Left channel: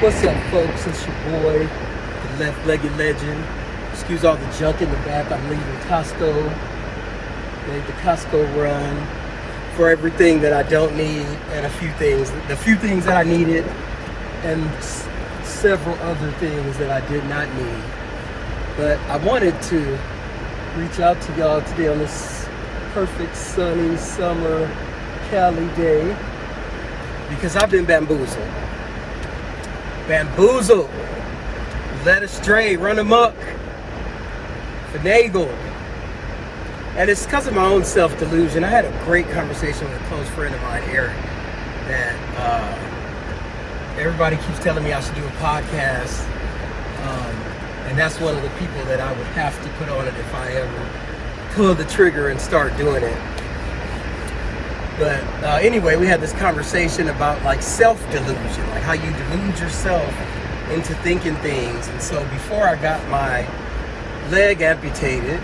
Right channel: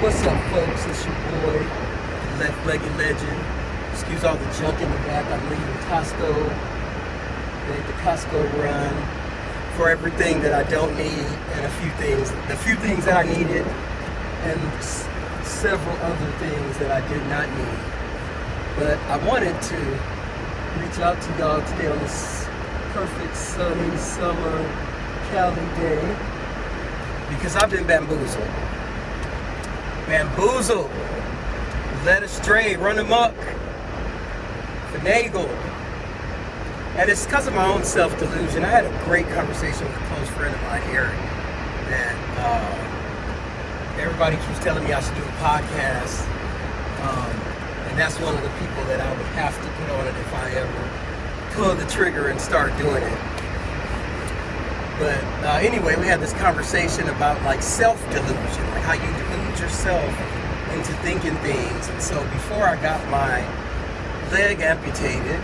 What's up, folks? It's your boy, Left-Legged Legend. Excuse all the junk in the back. I'm leaving Costco. Made the Costco Run for everything that I don't need and the few things that I needed, and several other things that I did not need. But I wanted to reach out to y'all today on this perfect sunny summer Cali day because I've been bamboozled, led astray, run amok, finagled. And it's because of my own self-delusion. I had a great conversation with a close friend of mine, Eric, that everybody keeps telling me I should do a podcast. And that's one of the people that I would have to put on it if I ever pull the trigger and start doing it. But anyway, we had this conversation about like self-delusion, like how you delude yourself into thinking things. And so before I got my leg amputated,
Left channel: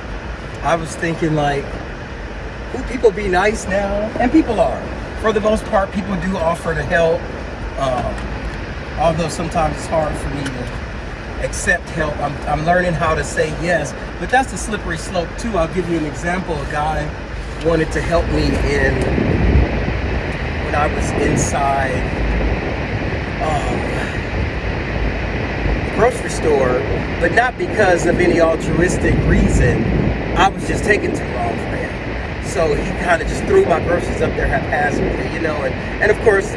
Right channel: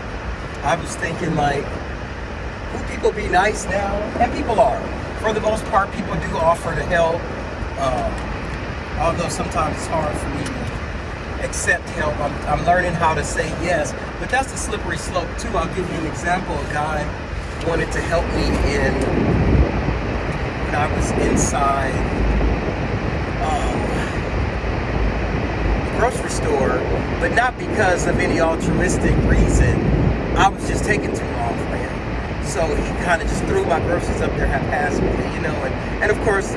I was thinking like, would people be nice now? And people are. For the most part, people do offer to help. Although sometimes it's hard for me to accept help. I'm learning how to say yes, but that's the slippery slope too. I'll give you an example. A guy wanted to help me when I was inside the grocery store, but not because of any altruistic reason. I was just taking too long for him. So he kind of just threw my groceries up there haphazardly, you know, and of course,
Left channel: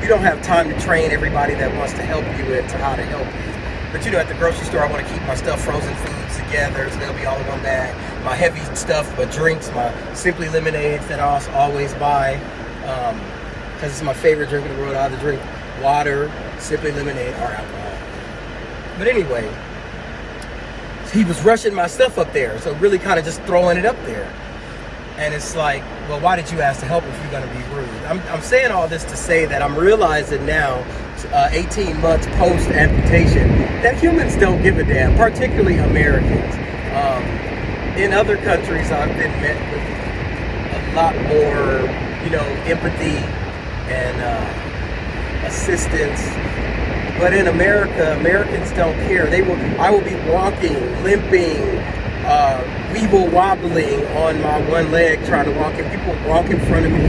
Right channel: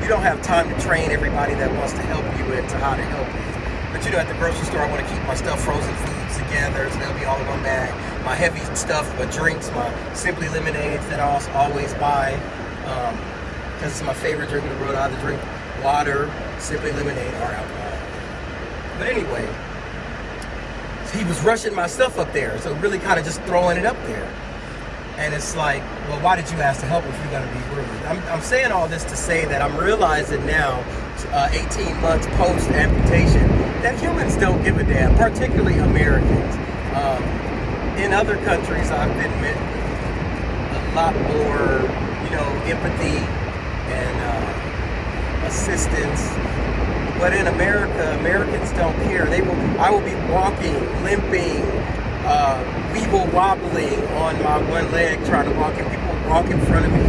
you don't have time to train everybody that wants to help you into how to help you. But you know, at the grocery store, I want to keep my stuff, frozen foods together, so they'll be all in my bag. My heavy stuff, my drinks, my Simply Lemonades that I always buy, because it's my favorite drink in the world. I either drink water, Simply Lemonade, or alcohol. But anyway, he was rushing my stuff up there, so really kind of just throwing it up there. And it's like, well, why did you ask to help if you're going to be rude? I'm saying all this to say that I'm realizing now, 18 months post-amputation, that humans don't give a damn, particularly Americans. In other countries, I've been met with a lot more, you know, empathy and assistance. But in America, Americans don't care. I will be walking, limping, weeble wobbling on my one leg trying to walk, and people walk in front of me,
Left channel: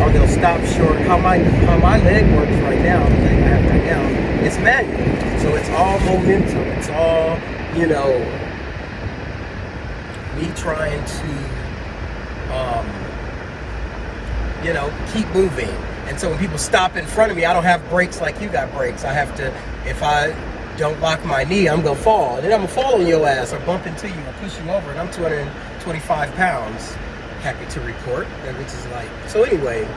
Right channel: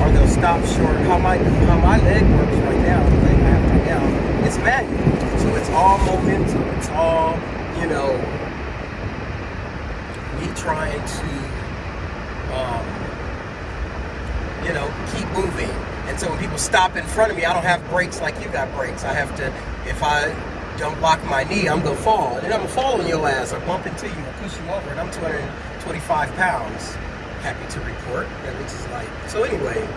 or they'll stop short. How my leg works right now, the leg I have right now, it's manual. So it's all momentum. It's all, you know, me trying to, you know, keep moving. And so when people stop in front of me, I don't have brakes like you got brakes. I have to, if I don't lock my knee, I'm gonna fall. And then I'm gonna fall on your ass or bump into you or push you over. And I'm 225 pounds, happy to report, which is like, so anyway,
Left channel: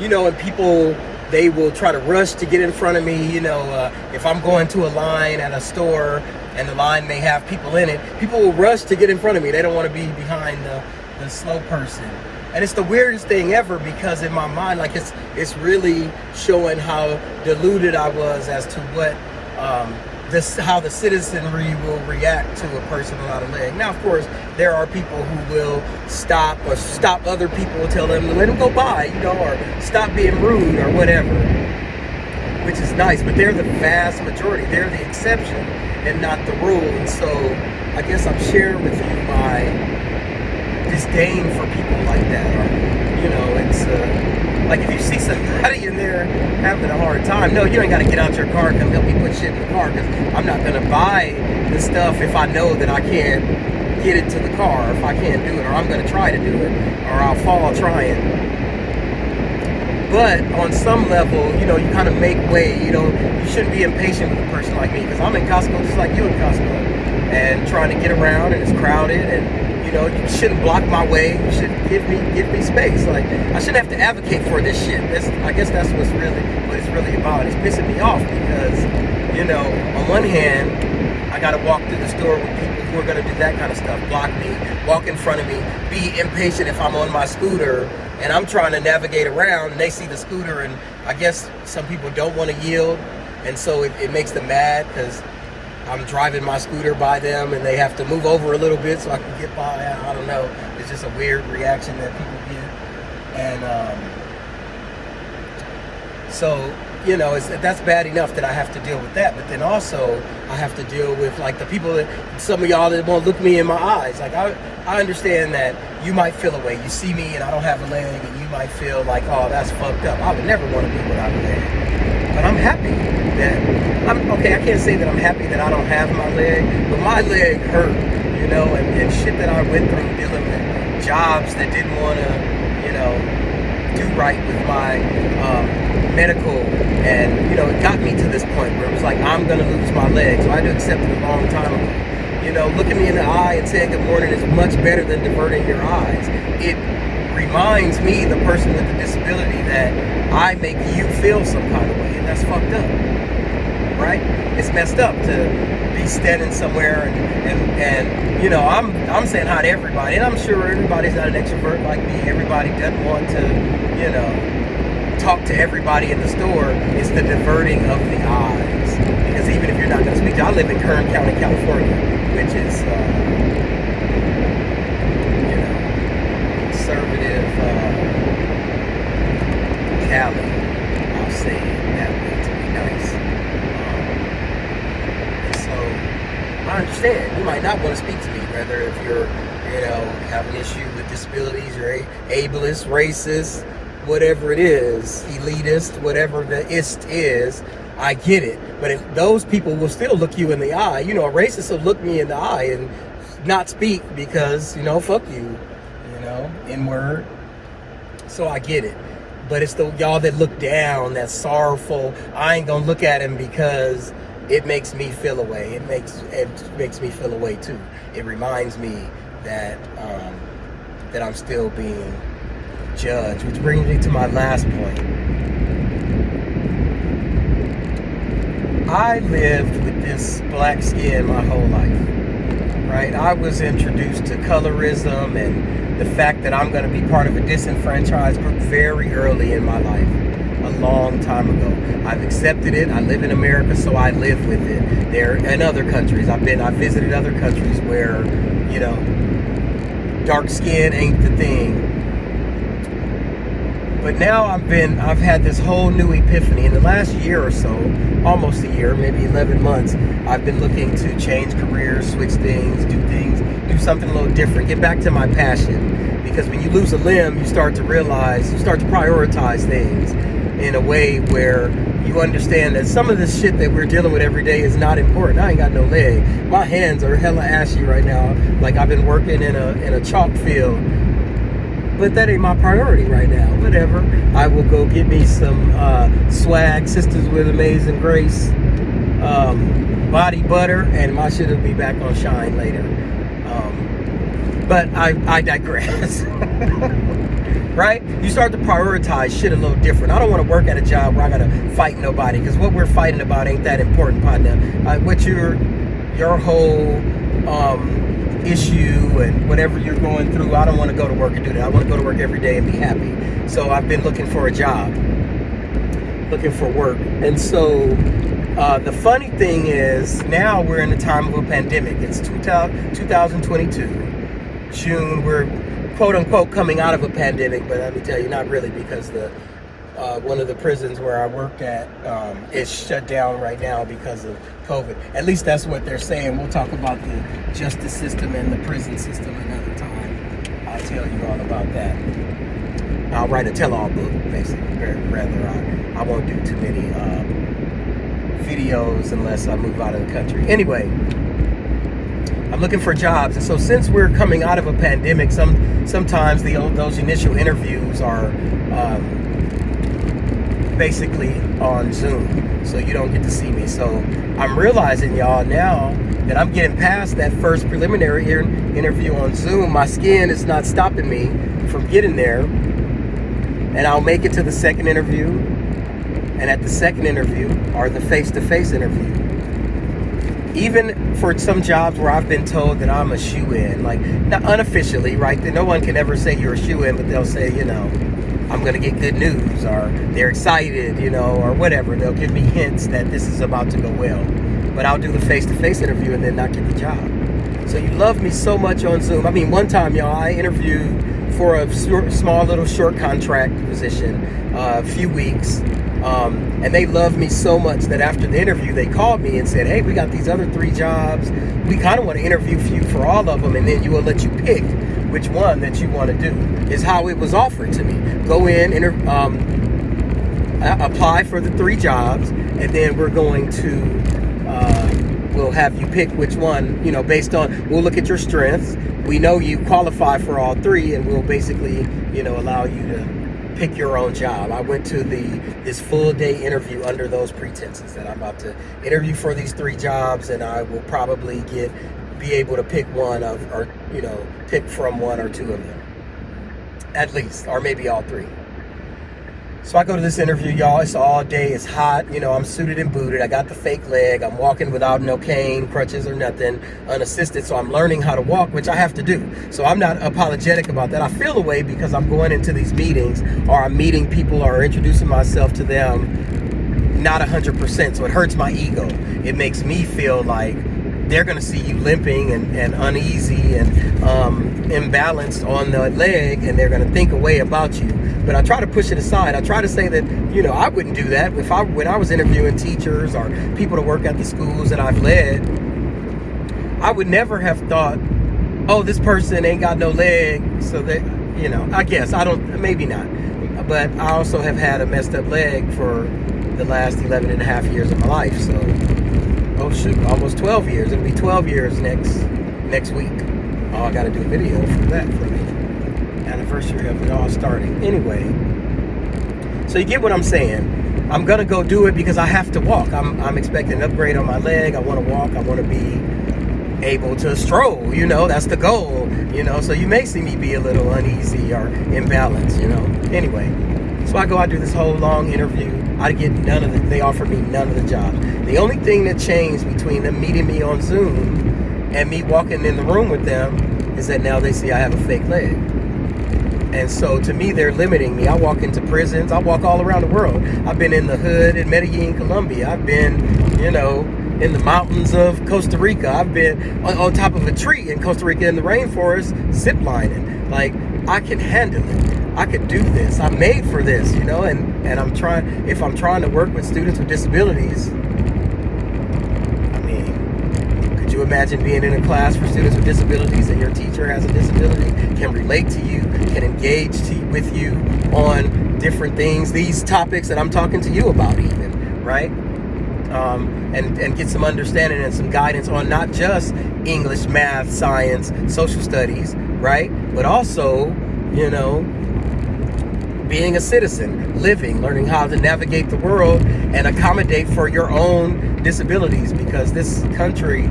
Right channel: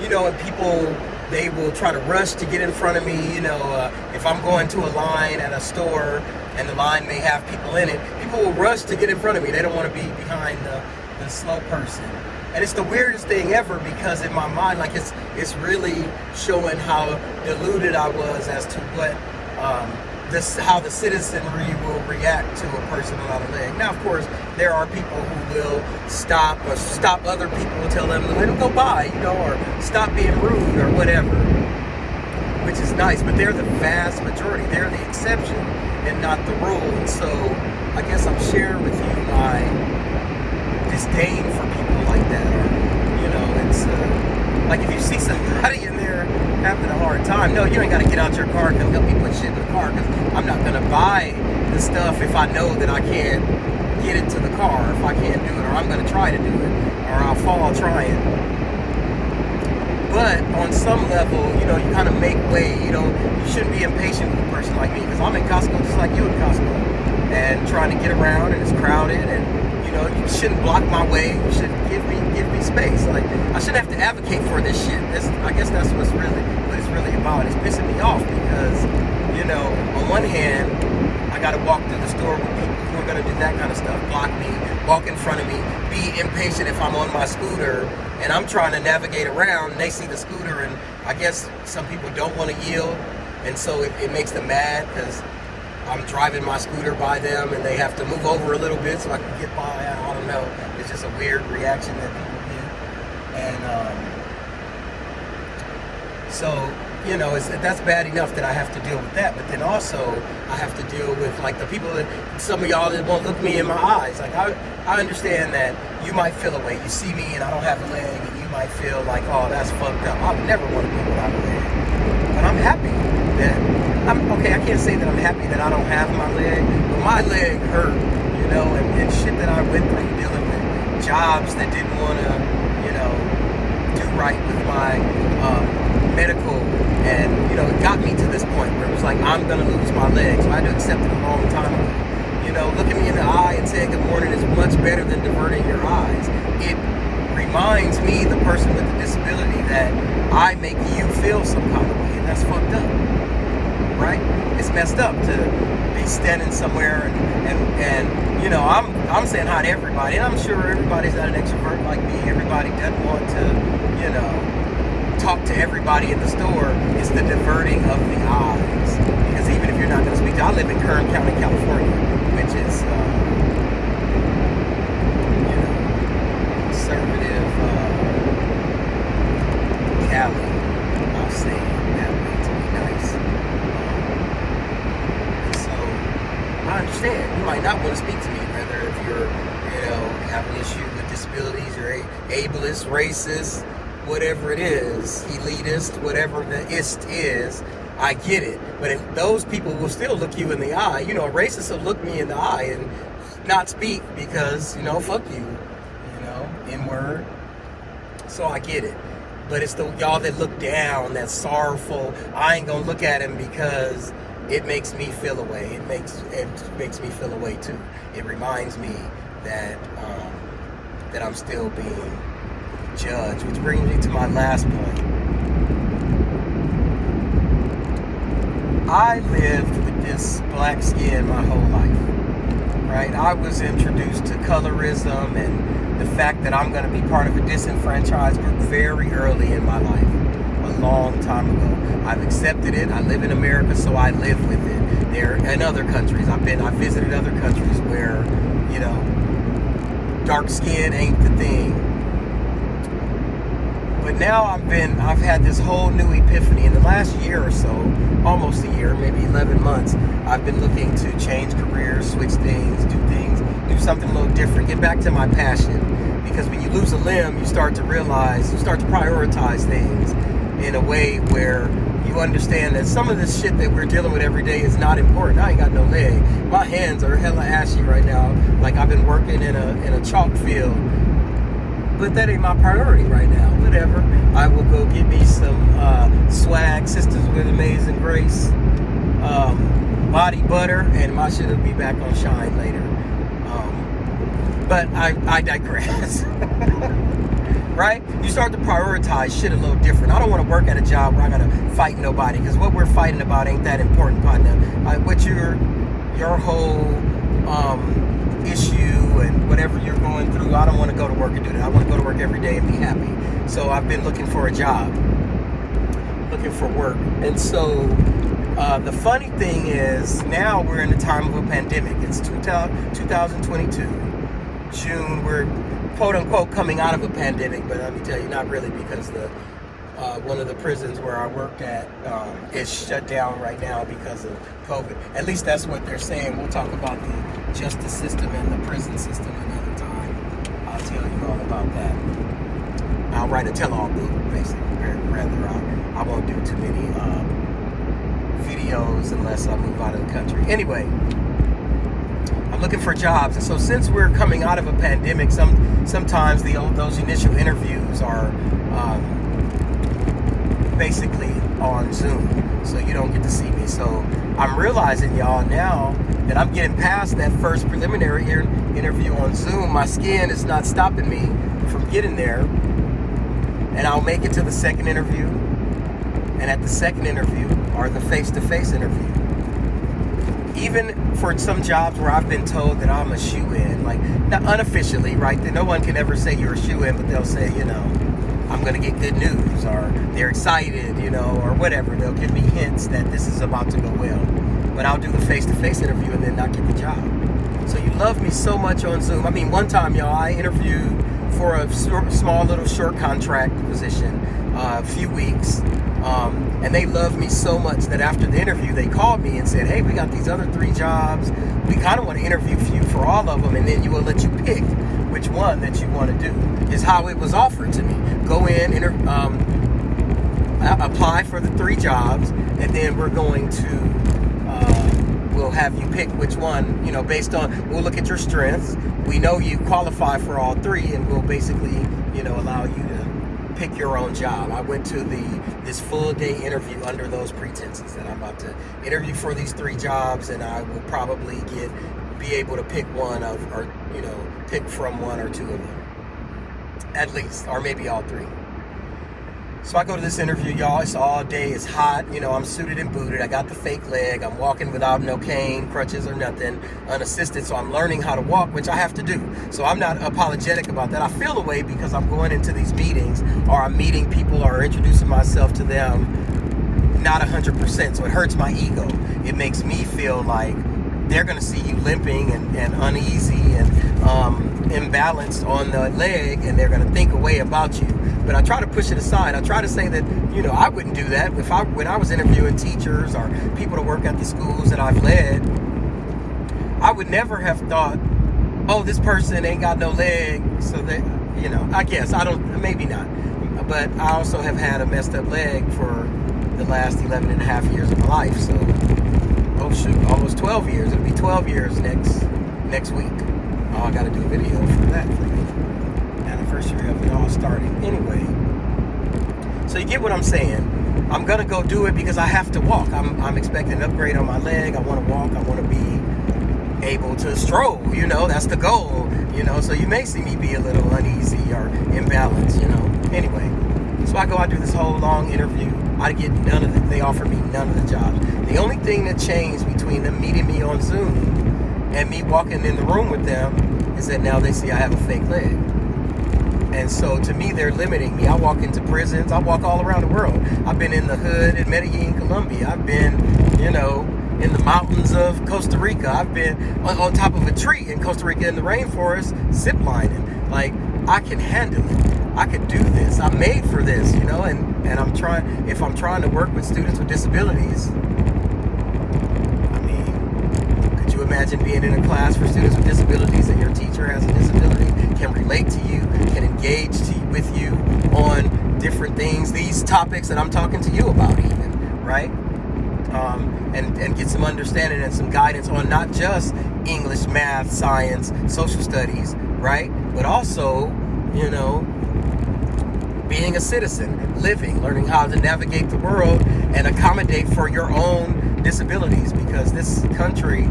you know, and people, they will try to rush to get in front of me. You know, if I'm going to a line at a store and the line may have people in it, people will rush to get in front of me. They don't want to be behind the slow person. And it's the weirdest thing ever because in my mind, like it's really showing how deluded I was as to what how the citizenry will react to a person without a leg. Now, of course, there are people who will stop other people and tell them to let them go by, you know, or stop being rude or whatever, which is nice. But they're the vast majority. They're the exception and not the rule. And so I guess I'm sharing with you my disdain for people like that. Or, you know, it's like if you see somebody in there having a hard time, no, you ain't got to get out your car and come help me put shit in the car, because I'm not going to buy the stuff if I know that I can't get it to the car, or if I can't do it, or I'm going to try to do it, or I'll fall trying. But on some level, you know, you kind of make way. You know, you shouldn't be impatient with a person like me, because I'm in Costco just like you in Costco, and trying to get around, and it's crowded, and you know, you shouldn't block my way. You should give me space. Like, I shouldn't have to advocate for this shit. I guess that's what it's really about. It's pissing me off because, you know, on one hand, I gotta walk through the store with people who are gonna do that kind of stuff, block me, walk in front of me, be impatient if I'm on my scooter and I'm trying to navigate around and they see the scooter, and I guess some people don't want to yield, and so it makes them mad because I'm driving my scooter by them and they have to move over a little bit so I can get by. I don't know. It's just a weird reaction that people get. And so you know, that's bad enough that I have to deal with that. But then also I have to deal with like the people that, some of y'all that won't look me in my eyes. Like I understand that you might feel a way. You see me and I don't have a leg, and you might feel like, oh, that's fucked up. I would never want to be without a leg. But I'm happy that I'm okay. I can't say that I'm happy that I don't have my leg, but my leg hurt, you know, and shit that I went through dealing with jobs that didn't want to, you know, do right with my medical, and you know, it got me to this point where it was like, I'm gonna lose my leg, so I had to accept it a long time ago. You know, looking me in the eye and saying good morning is much better than diverting your eyes. It reminds me, the person with the disability, that I make you feel some kind of way, and that's fucked up, right? It's messed up to be standing somewhere and you know, I'm saying hi to everybody, and I'm sure everybody's not an extrovert like me. Everybody doesn't want to, you know, talk to everybody in the store. It's the diverting of the eyes, because even if you're not going to speak to, I live in Kern County, California, which is you know, conservative Cali, I'll say that way to be nice. And so I understand you might not want to speak to me, whether if you're, you know, have an issue with disabilities, or ableist, racist, whatever it is, elitist, whatever the ist is. I get it. But if those people will still look you in the eye, you know, a racist will look me in the eye and not speak because, you know, fuck you, you know, N-word. So I get it. But it's the y'all that look down, that's sorrowful. I ain't gonna look at him because it makes me feel away. It makes me feel away too. It reminds me that that I'm still being judged, which brings me to my last point. I lived with this black skin my whole life, right? I was introduced to colorism and the fact that I'm going to be part of a disenfranchised group very early in my life, a long time ago. I've accepted it. I live in America, so I live with it. There, in other countries, I visited other countries where, you know, dark skin ain't the thing. But now I've had this whole new epiphany in the last year or so, almost a year, maybe 11 months. I've been looking to change careers, switch things, do something a little different, get back to my passion. Because when you lose a limb, you start to prioritize things in a way where you understand that some of the shit that we're dealing with every day is not important. I ain't got no leg. My hands are hella ashy right now, like I've been working in a chalk field. But that ain't my priority right now. Whatever. I will go get me some swag, Sisters with Amazing Grace, body butter, and my shit will be back on shine later. But I digress. Right? You start to prioritize shit a little different. I don't want to work at a job where I gotta fight nobody, because what we're fighting about ain't that important, partner. What your whole issue and whatever you're going through, I don't want to go to work and do that. I want to go to work every day and be happy. So I've been looking for a job, looking for work. And so the funny thing is, now we're in the time of a pandemic. It's 2022, June. We're quote unquote coming out of a pandemic, but let me tell you, not really, because the one of the prisons where I work at is shut down right now because of COVID. At least that's what they're saying. We'll talk about the justice system and the prison system another time. I'll tell you all about that. I'll write a tell-all book, basically. Rather, I won't do too many videos unless I move out of the country. Anyway, I'm looking for jobs, and so since we're coming out of a pandemic, sometimes those initial interviews are basically on Zoom, so you don't get to see me. So I'm realizing, y'all, now that I'm getting past that first preliminary interview on Zoom, my skin is not stopping me from getting there, and I'll make it to the second interview, and at the second interview, or the face-to-face interview, even for some jobs where I've been told that I'm a shoo-in, like, not unofficially, right, that no one can ever say you're a shoo-in, but they'll say, you know, I'm going to get good news, or they're excited, you know, or whatever. They'll give me hints that this is about to go well. But I'll do the face-to-face interview and then not get the job. So you love me so much on Zoom. I mean, one time, y'all, I interviewed for a small little short contract position, a few weeks. And they loved me so much that after the interview, they called me and said, hey, we got these other 3 jobs. We kind of want to interview you for all of them, and then we'll let you pick which one that you want to do, is how it was offered to me. Go in, apply for the 3 jobs, and then we're going to, we'll have you pick which one, based on, we'll look at your strengths. We know you qualify for all 3, and we'll basically, allow you to pick your own job. I went to this full day interview under those pretenses that I'm about to interview for these 3 jobs, and I will probably be able to pick one of, or pick from 1 or 2 of them, at least, or maybe all 3. So I go to this interview, y'all. It's all day. It's hot. I'm suited and booted. I got the fake leg. I'm walking without no cane, crutches, or nothing, unassisted. So I'm learning how to walk, which I have to do. So I'm not apologetic about that. I feel a way because I'm going into these meetings, or I'm meeting people, or introducing myself to them, not 100%. So it hurts my ego. It makes me feel like they're going to see you limping and uneasy and imbalanced on the leg, and they're going to think a way about you. But I try to push it aside. I try to say that, I wouldn't do that. When I was interviewing teachers or people to work at the schools that I've led, I would never have thought, oh, this person ain't got no leg, so that, I guess, maybe not. But I also have had a messed up leg for the last 11 and a half years of my life. So, oh shoot, almost 12 years. It'll be 12 years next week. Oh, I gotta do a video for that, for the anniversary of it all starting. Anyway, so you get what I'm saying. I'm gonna go do it because I have to walk. I'm expecting an upgrade on my leg. I want to walk. I want to be able to stroll. That's the goal. So you may see me be a little uneasy or imbalanced. Anyway, so I do this whole long interview. I get they offer me none of the jobs. The only thing that changed between them meeting me on Zoom and me walking in the room with them is that now they see I have a fake leg. And so to me, they're limiting me. I walk into prisons. I walk all around the world. I've been in the hood in Medellin, Colombia. I've been, in the mountains of Costa Rica. I've been on top of a tree in Costa Rica in the rainforest, zip lining. Like, I can handle it. I could do this. I'm made for this, and if I'm trying to work with students with disabilities, could you imagine being in a class for students with disabilities and your teacher has a disability, can relate to you, can engage with you on different things, these topics that I'm talking to you about even, right? And get some understanding and some guidance on not just English, math, science, social studies, right? But also, being a citizen, living, learning how to navigate the world and accommodate for your own disabilities, because this country,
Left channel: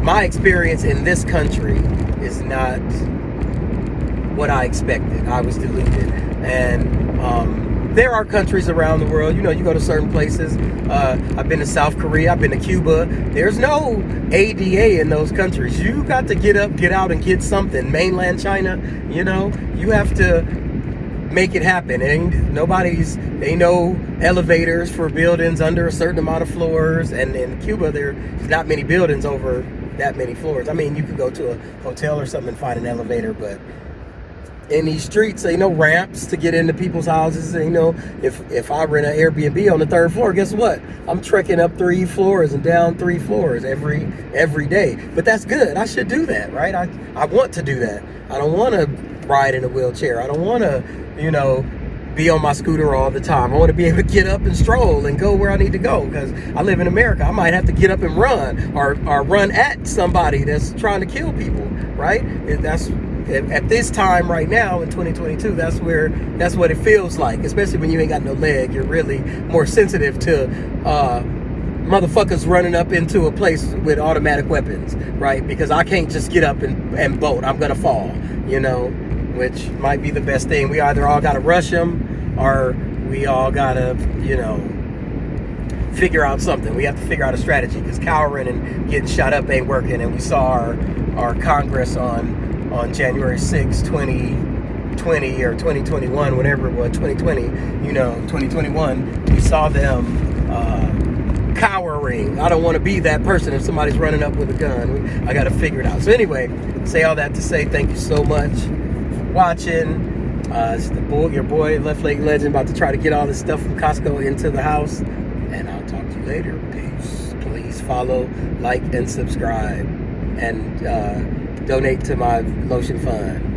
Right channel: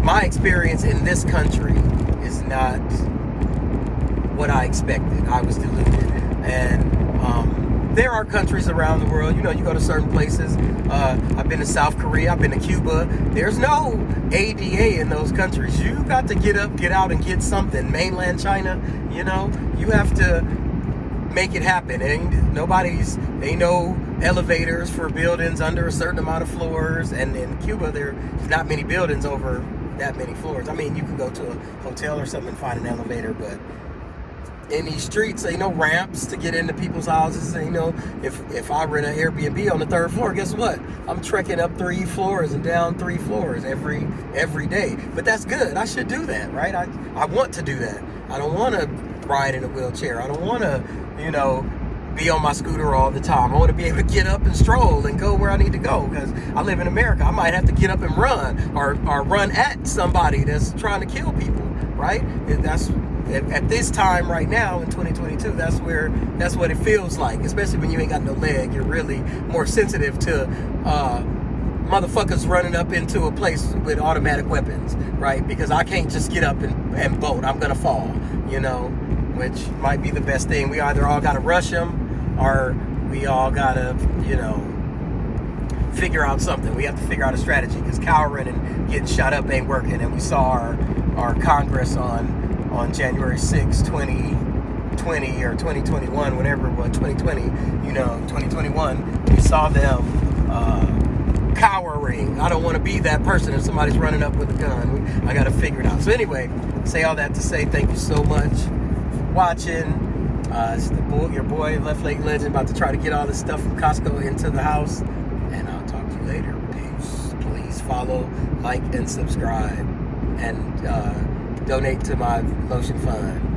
my experience in this country is not what I expected. I was deluded. And there are countries around the world, you go to certain places. I've been to South Korea, I've been to Cuba. There's no ADA in those countries. You got to get up, get out, and get something. Mainland China, you have to make it happen. Ain't no elevators for buildings under a certain amount of floors. And in Cuba, there's not many buildings over that many floors. I mean, you could go to a hotel or something and find an elevator, but in these streets, ain't no ramps to get into people's houses. If I rent an Airbnb on the 3rd floor, guess what? I'm trekking up 3 floors and down 3 floors every day. But that's good. I should do that, right? I want to do that. I don't want to ride in a wheelchair. I don't want to, be on my scooter all the time. I want to be able to get up and stroll and go where I need to go, because I live in America. I might have to get up and run or run at somebody that's trying to kill people, right? And that's at this time right now in 2022, that's what it feels like, especially when you ain't got no leg. You're really more sensitive to motherfuckers running up into a place with automatic weapons, right? Because I can't just get up and bolt. I'm gonna fall, which might be the best thing. We either all gotta rush them, or we all gotta, figure out something. We have to figure out a strategy, because cowering and getting shot up ain't working. And we saw our Congress on January 6, 2020 or 2021, whatever it was, 2020, 2021, we saw them cowering. I don't want to be that person if somebody's running up with a gun. I got to figure it out. So anyway, say all that to say thank you so much for watching. It's your boy, Left Leg Legend, about to try to get all this stuff from Costco into the house. later. Peace. Please follow, like, and subscribe, and donate to my lotion fund.